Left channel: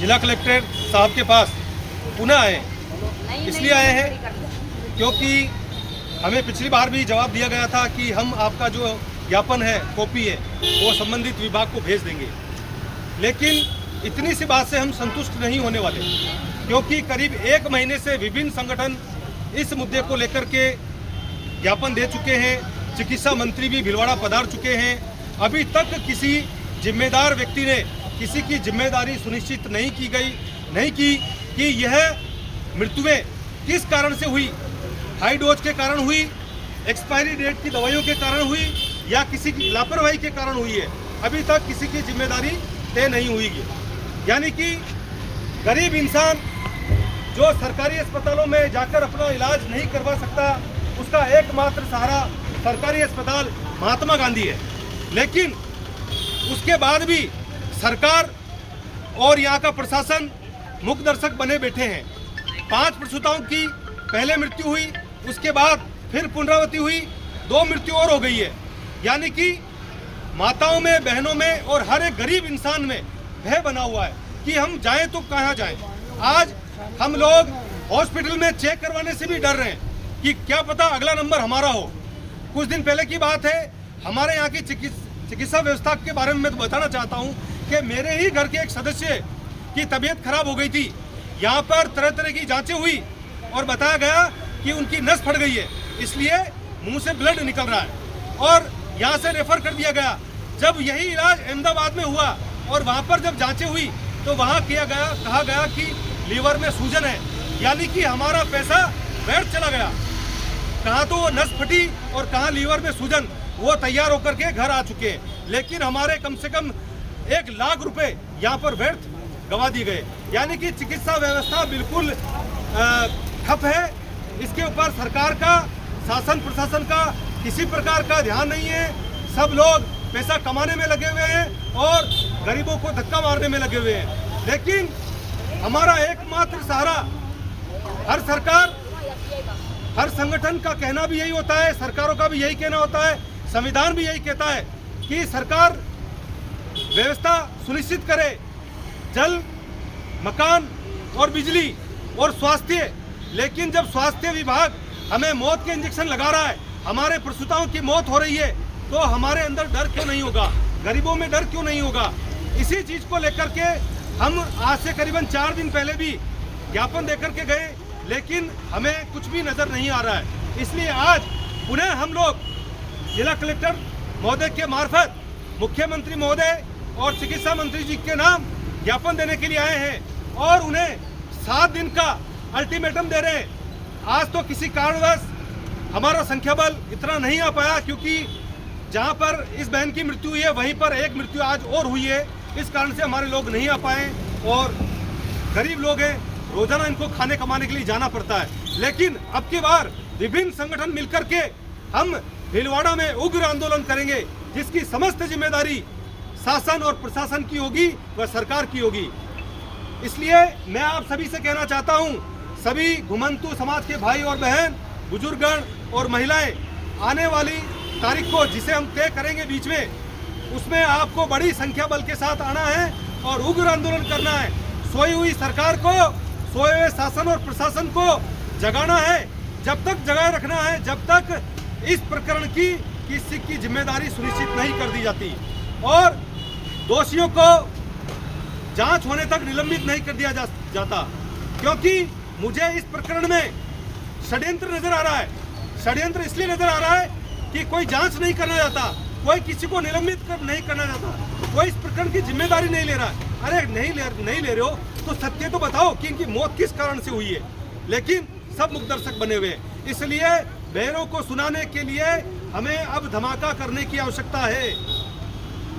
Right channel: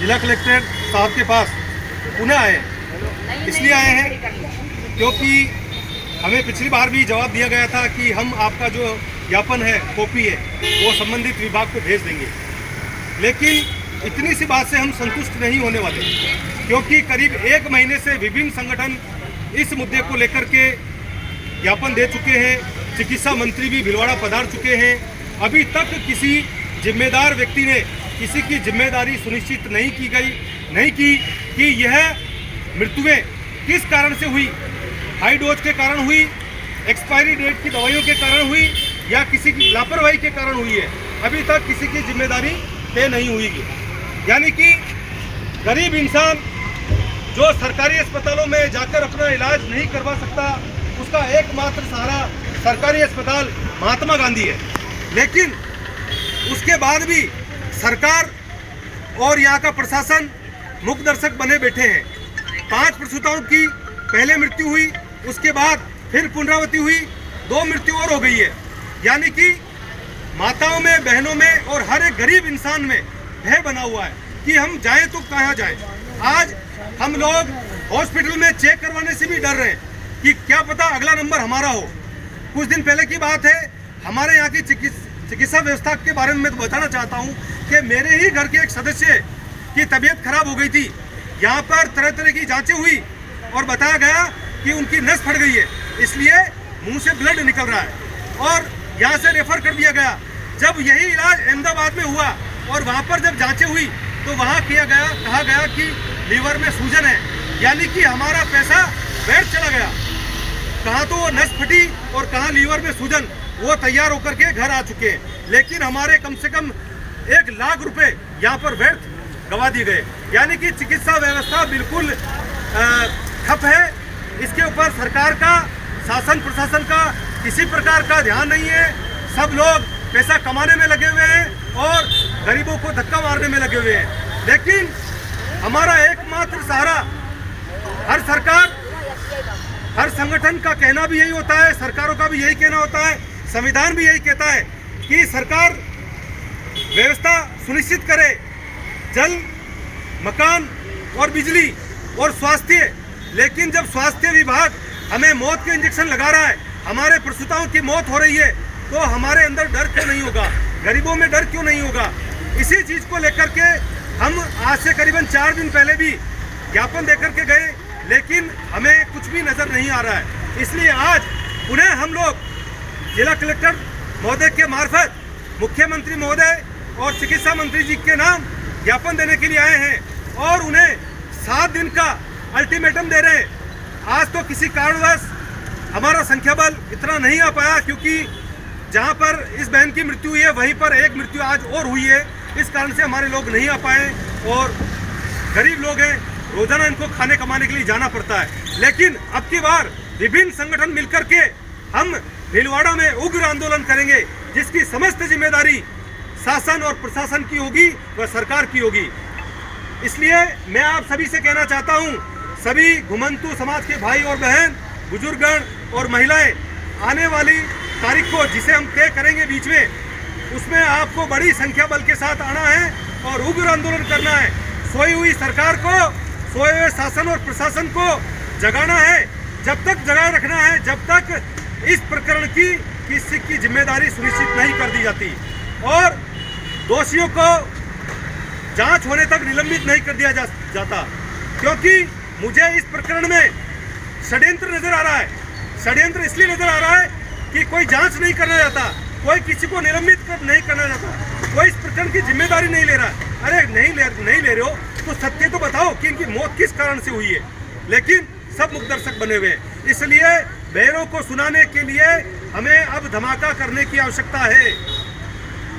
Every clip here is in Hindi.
जिला कलेक्टर साहब के पास पुनः आए हैं। इसलिए आए हैं क्योंकि हमें पिछली बार भी जवाब दिया गया था कि हम आपका जो ज्ञापन है, कॉपी है, वो संबंधित विभाग को भेज देंगे। लेकिन इतनी सी बात से हम संतुष्ट नहीं होने वाले, क्योंकि करीब 1 महीने से विभिन्न संगठन इस मुद्दे को लेकर के ज्ञापन दे चुके हैं। चिकित्सा मंत्री भी भीलवाड़ा पधार चुके हैं। अभी तक किसी जिम्मेदार व्यक्ति ने किसी की जिम्मेदारी सुनिश्चित नहीं की कि यह मृत्युएं किस कारण से हुई, हाई डोज के कारण हुई, एक्सपायरी डेट की दवाइयों के कारण हुई या किसी की लापरवाही के कारण हुई है। अभी तक किसी की जिम्मेदारी तय नहीं हुई है। यानी कि गरीब इंसान जो सरकारी अस्पतालों में जाकर अपना इलाज नहीं करवा सकता, उसका एकमात्र सहारा सरकारी अस्पताल महात्मा गांधी है। लेकिन उसके बाद भी सरकार और यहाँ का प्रशासन मुख दर्शक बने बैठे हैं। 5 प्रसूताओं की पहले मृत्यु हुई, उसके बाद फिर पुनरावृत्ति हुई, 2 मृत्यु और हो गई है। यानी कि माताओं में, बहनों में और हर एक गरीब इंसान में भय बना हुआ है कि हम जाएं तो कहाँ जाएं। आज हम लोग हॉस्पिटल में चेक करवाने से भी डर रहे हैं कि क्या पता अगला नंबर हमारा हो। कुछ दिन पहले की बात है, हमारे यहाँ की चिकित्सा व्यवस्था के बारे में मैं तो बताना चाहता हूँ कि मेरे ही घर के एक सदस्य की तबीयत खराब हो गई थी। यहाँ पर तरह तरह की जांचें हुई और बताया गया कि उनकी नस फट गई है, इसलिए मुंह से ब्लड निकल रहा है और यहाँ से रेफर कर दिया गया। जब यही इलाज अहमदाबाद में हुआ और वहाँ पर जब जांचें हुई तो वहाँ कहा गया कि लीवर में सूजन है। यानी कि हमारा पैसा व्यर्थ चला गया। कहाँ तो वो नस फटी और कहाँ लीवर में सूजन, वो तैयार होकर के घर आ चुके हैं। लेकिन हमारे कम से कम 1 लाख रुपए यहाँ पर व्यर्थ गवा दिए गए। यानी कि चिकित्सा व्यवस्था बिल्कुल ठप है। इसके ऊपर सरकार का, शासन प्रशासन का किसी प्रकार का ध्यान नहीं है। सब लोग पैसा कमाने में लगे हुए हैं और गरीबों को धक्का मारने में लगे हुए हैं। लेकिन हमारा एकमात्र सहारा, हर सरकार, हर संगठन का कहना भी यही होता है, सरकारों का भी यही कहना होता है, संविधान भी यही कहता है कि सरकार व्यवस्था सुनिश्चित करे, जल, मकान और बिजली और स्वास्थ्य। लेकिन जब स्वास्थ्य विभाग हमें मौत के इंजेक्शन लगा रहा है, हमारे प्रसूताओं की मौत हो रही है, तो हमारे अंदर डर क्यों नहीं होगा? गरीबों में डर क्यों नहीं होगा? इसी चीज को लेकर के हम आज से करीबन 4 दिन पहले भी ज्ञापन देकर के गए, लेकिन हमें कुछ भी नजर नहीं आ रहा है। इसलिए आज पुनः हम लोग जिला कलेक्टर महोदय के मार्फत मुख्यमंत्री महोदय और चिकित्सा मंत्री जी के नाम ज्ञापन देने के लिए आए हैं और उन्हें 7 दिन का अल्टीमेटम दे रहे हैं। आज तो किसी कारणवश हमारा संख्या बल इतना नहीं आ पाया, क्योंकि जहां पर इस बहन की मृत्यु हुई है वहीं पर एक मृत्यु आज और हुई है। इस कारण से हमारे लोग नहीं आ पाए और गरीब लोग हैं, रोजाना इनको खाने कमाने के लिए जाना पड़ता है। लेकिन अब की बार विभिन्न संगठन मिलकर के हम भीलवाड़ा में उग्र आंदोलन करेंगे, जिसकी समस्त जिम्मेदारी शासन और प्रशासन की होगी व सरकार की होगी। इसलिए मैं आप सभी से कहना चाहता हूं, सभी घुमंतु समाज के भाई और बहन, बुजुर्गगण और महिलाएं, आने वाली तारीख को जिसे हम तय करेंगे बीच में, उसमें आपको बड़ी संख्या बल के साथ आना है और उग्र आंदोलन करना है। सोई हुई सरकार को, सोए हुए शासन और प्रशासन को जगाना है। जब तक जगाए रखना है, जब तक इस प्रकरण की किसी की जिम्मेदारी सुनिश्चित नहीं कर दी जाती और दोषियों को जांच होने तक निलंबित नहीं कर दिया जाता। क्योंकि मुझे इस प्रकरण में षड्यंत्र नजर आ रहा है। षड्यंत्र इसलिए नजर आ रहा है कि कोई जांच नहीं करना चाहता, कोई किसी को निलंबित नहीं करना चाहता, कोई इस प्रकरण की जिम्मेदारी नहीं ले रहा। अरे नहीं ले रहे हो तो सत्य तो बताओ कि इनकी मौत किस कारण से हुई है। लेकिन सब मुखदर्शक बने हुए हैं। इसलिए बहनों को सुनाने के लिए हमें अब धमाका करने की आवश्यकता है।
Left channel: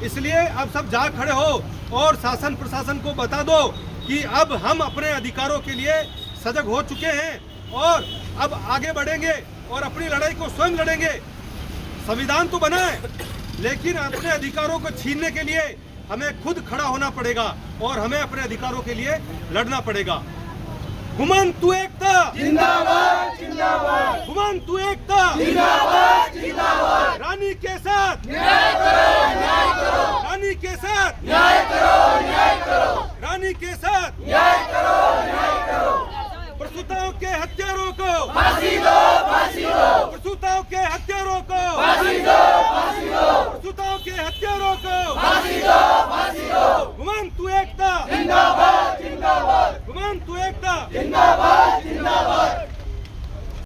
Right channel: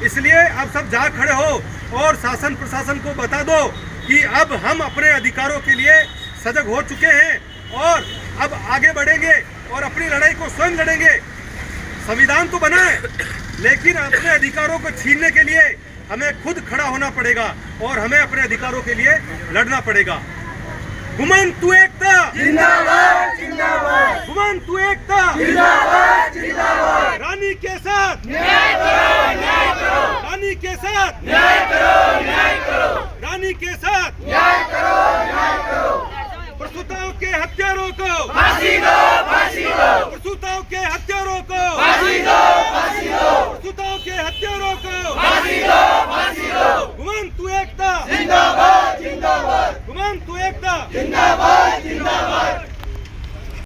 इसलिए अब सब जाग खड़े हो और शासन प्रशासन को बता दो कि अब हम अपने अधिकारों के लिए सजग हो चुके हैं और अब आगे बढ़ेंगे और अपनी लड़ाई को स्वयं लड़ेंगे। संविधान तो बना है, लेकिन अपने अधिकारों को छीनने के लिए हमें खुद खड़ा होना पड़ेगा और हमें अपने अधिकारों के लिए लड़ना पड़ेगा। घुमंतु एकता जिंदाबाद जिंदाबाद, घुमंतु एकता जिंदाबाद जिंदाबाद, रानी के साथ न्याय करो, न्याय करो। रानी के साथ न्याय करो, न्याय करो, रानी के साथ न्याय करो, न्याय करो। प्रसूताओं के हत्यारों को फांसी दो, फांसी दो, प्रसूताओं के हत्यारों को फांसी दो, फांसी दो।